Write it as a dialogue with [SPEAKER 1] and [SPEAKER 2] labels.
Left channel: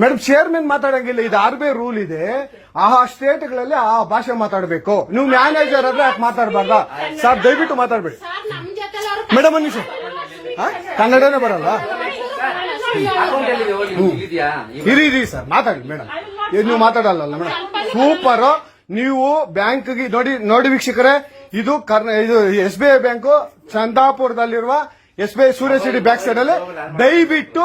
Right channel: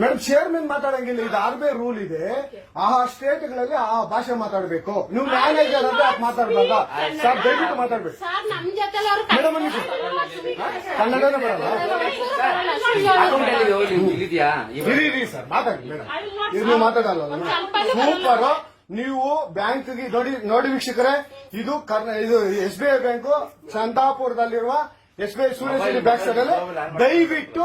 [SPEAKER 1] Madam chairman ಮಾತಾಡಂಗಿಲ್ಲ. ಇದು R B I rule ಇದೆ. ಆ ಸ್ಟೇಟ್ಗಳಲ್ಲಿ ಆ ಭಾಷೆ ಮಾತಾಡಬೇಕು. ನೀವು ಮ್ಯಾನೇಜರ್ ಅಂದ್ರೆ ಯಾಕೆ ಮಾತಾಡ್ಬಾರ್ದ? ಸರ್ ದಯವಿಟ್ಟು ಮಾತಾಡ್ಬೇಡಿ. ಮೇಡಮ್ ಒಂದು ನಿಮಿಷ. ಕನ್ನಡನೇ ಬರಲ್ಲ. ಇರಿ ಇರಿ ಸರ್ ಮಾತಾಡಿ ಮೇಡಮ್ ಇದು ನೀವು ಮಾತಾಡಲ್ಲ ಮೇಡಮ್ ಸೂಪರ್ ನೀವು ಬ್ಯಾಂಕ್ ನೋಡಿ ನೋಡಿ ವೀಕ್ಷಕರೇ ಇದು ಕರ್ನ ಇದು S B I bank ಚಂದಾಪುರದಲ್ಲಿರುವ S B I Surya city back side ಅಲ್ಲಿ. ದಯವಿಟ್ಟು